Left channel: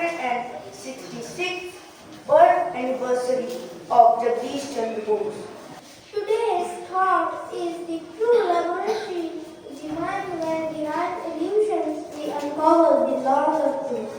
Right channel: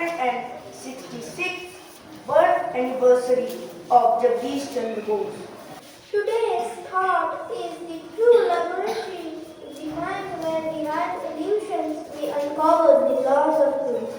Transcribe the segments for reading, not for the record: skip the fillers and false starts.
166th birth anniversary of Jagadish Chandra Bose. Today's thought is the true laboratory is the mind where the right illusions we uncover the laws of truth.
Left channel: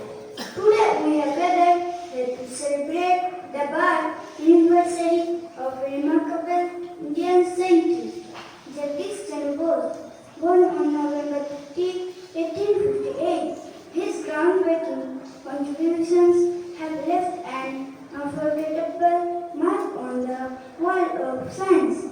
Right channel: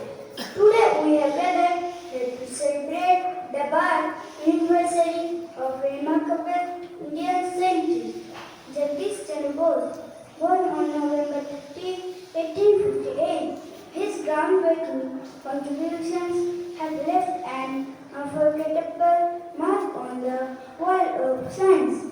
Today we are gathered here to celebrate the birth anniversary of a remarkable Indian scientist, Jagadish Chandra Bose, born on November 15, 1858. His groundbreaking contributions have left an unforgettable mark on the world of science.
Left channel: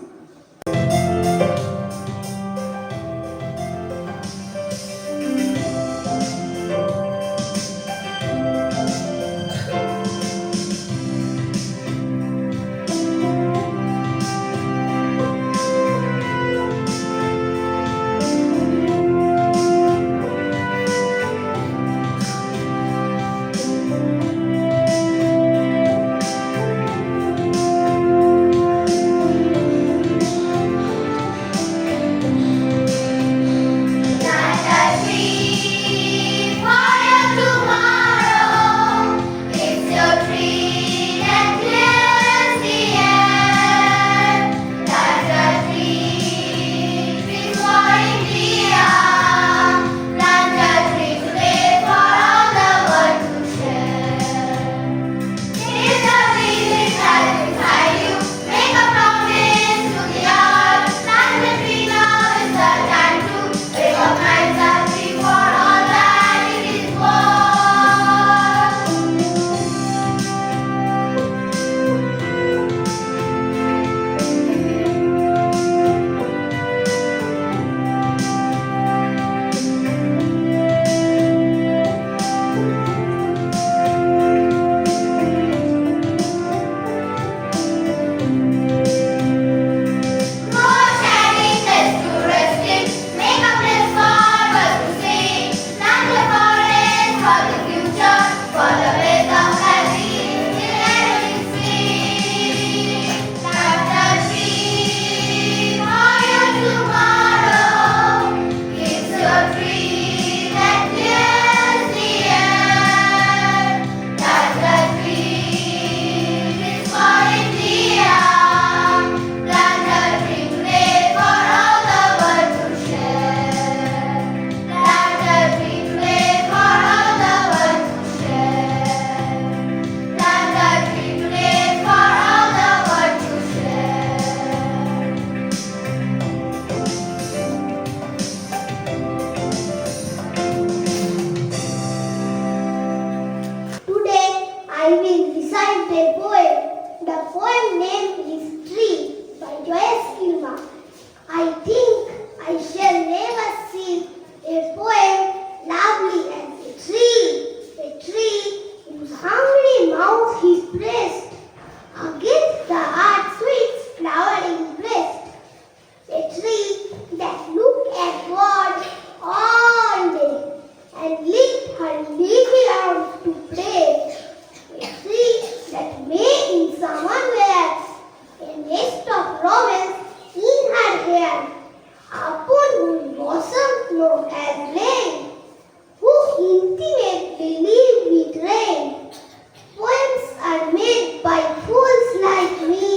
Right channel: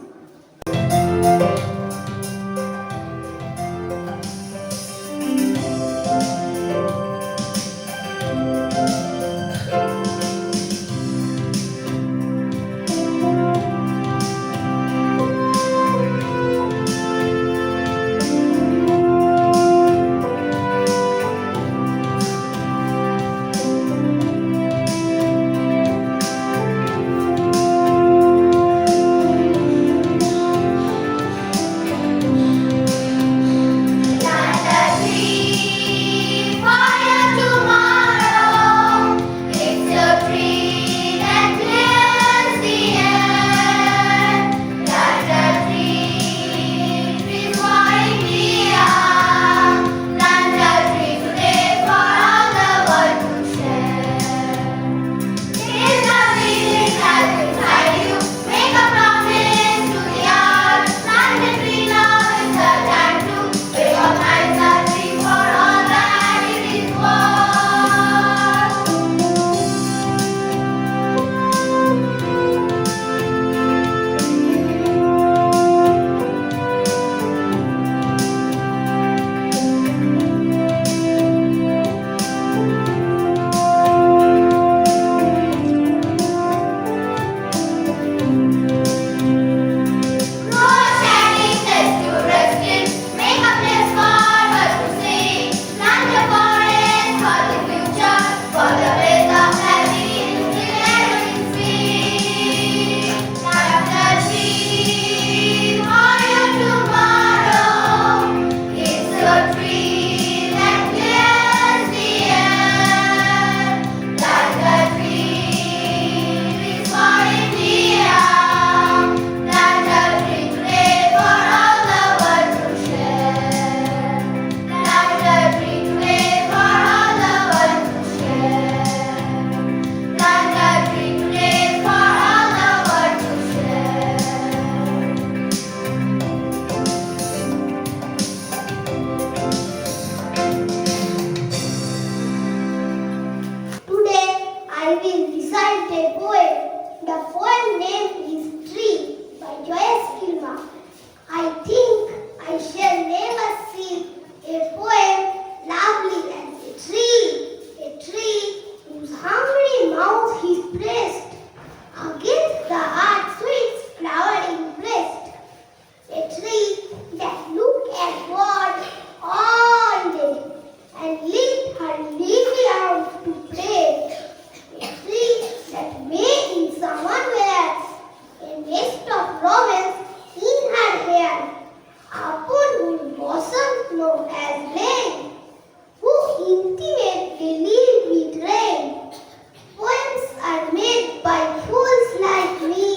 I will recite a poem. The poem name is Tree by Joyce Kilmer. I think I shall never see a poem lovely as a tree whose hungry mouth is pressed against the earth's sweet flowering breast. A tree that look at God all day and lift her leafy arms to pray. A tree that may in summer wears a nest of romance in her hair, upon whose bosom snow has lain, who intimately live with rain. Poems are made by fools like me,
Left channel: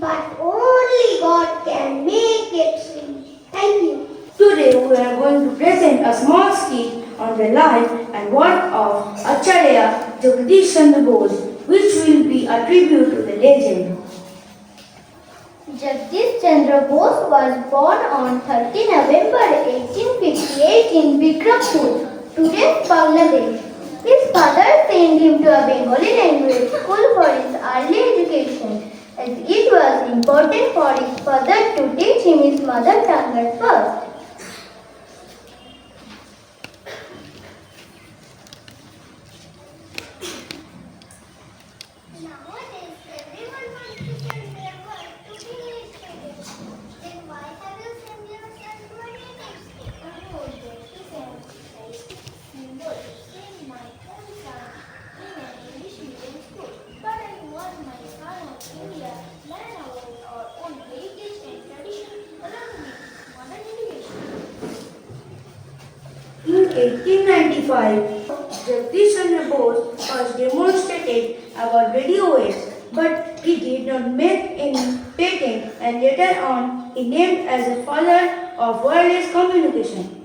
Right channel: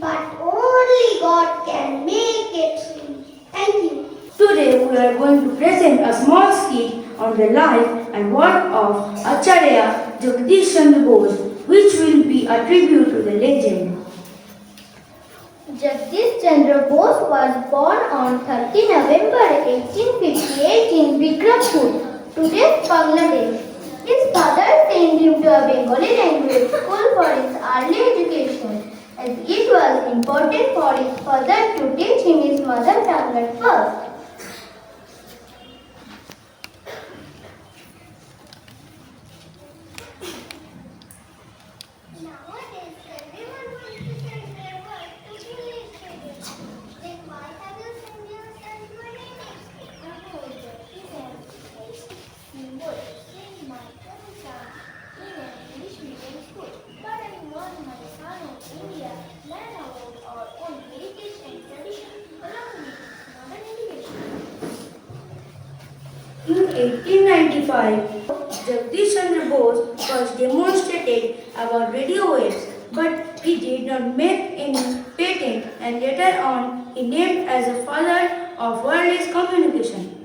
but only God can make a tree. Thank you. Today we are going to present a small skit on the life and work of Acharya Jagadish Chandra Bose, which will be a tribute to the legend. Jagadish Chandra Bose was born on 30 November 1858 in Bikrampur, today's Bangladesh. His father sent him to a Bengali language school for his early education, as it was important for his father to teach him his mother tongue at first. Nowadays, everyone wants to send their work to village students. Then why have you sent your son to a native school? I know that it is a symbol to send my own son to an English medium school. But I want my son of India learn about our own heritage and tradition along with modern education. In 1895, Jagadish Chandra Bose was demonstrated about radio waves, but he did not make any patent and later on he named as a father of wireless communication.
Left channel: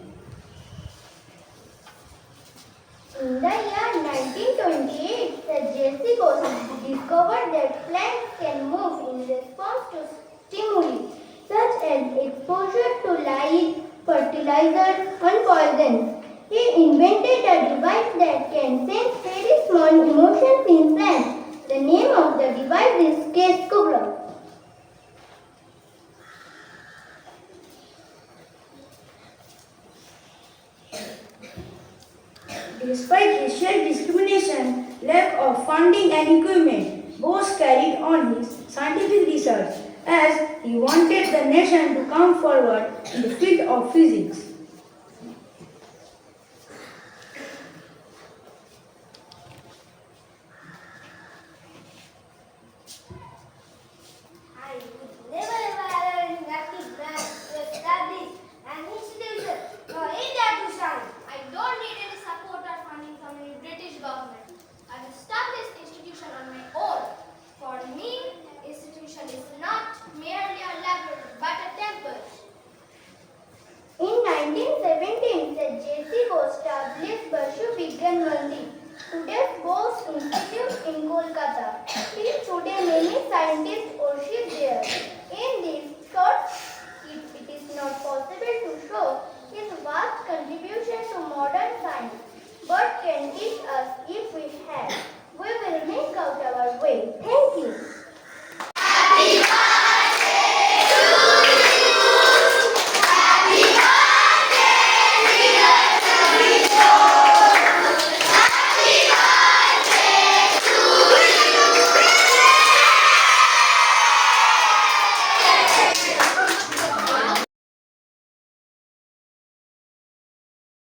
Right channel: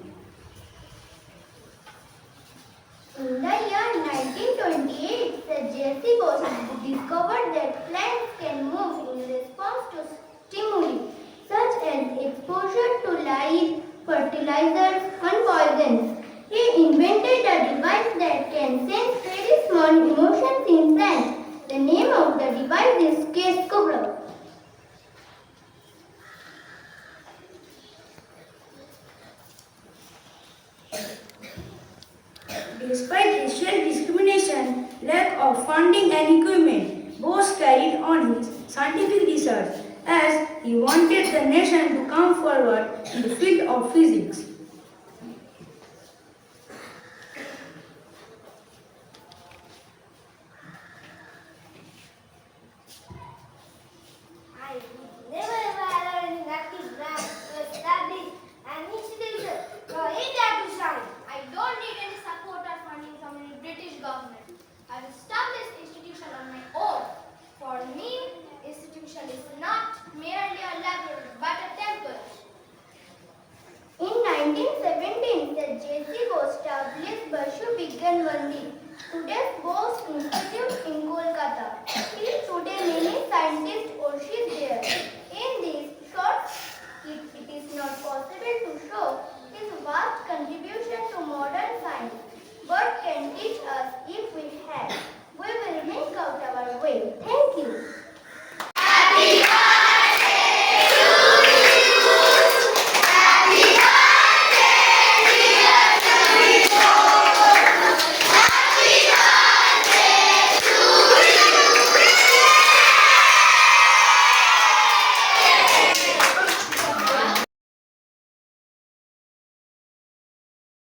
In the year 1928, Sir J.C. Bose discovered that plants can move in response to stimuli such as exposure to light, fertilizers, and poisons. He invented a device that can sense very small emotions in plants. The name of the device is skit. Despite racial discrimination, lack of funding and equipment, Bose carried on his scientific research as he wanted the nation to come forward in the field of physics. I would never ever allow any active brand to establish an institution for India to shine. I don't need any support or funding from the British government. I will establish institution on my own. For me, institution is not merely a laboratory but a temple. In 1917, the J.C. Bose established Bashu Vigyan Mandir, today's Bose Institute in Kolkata. Till today, many scientists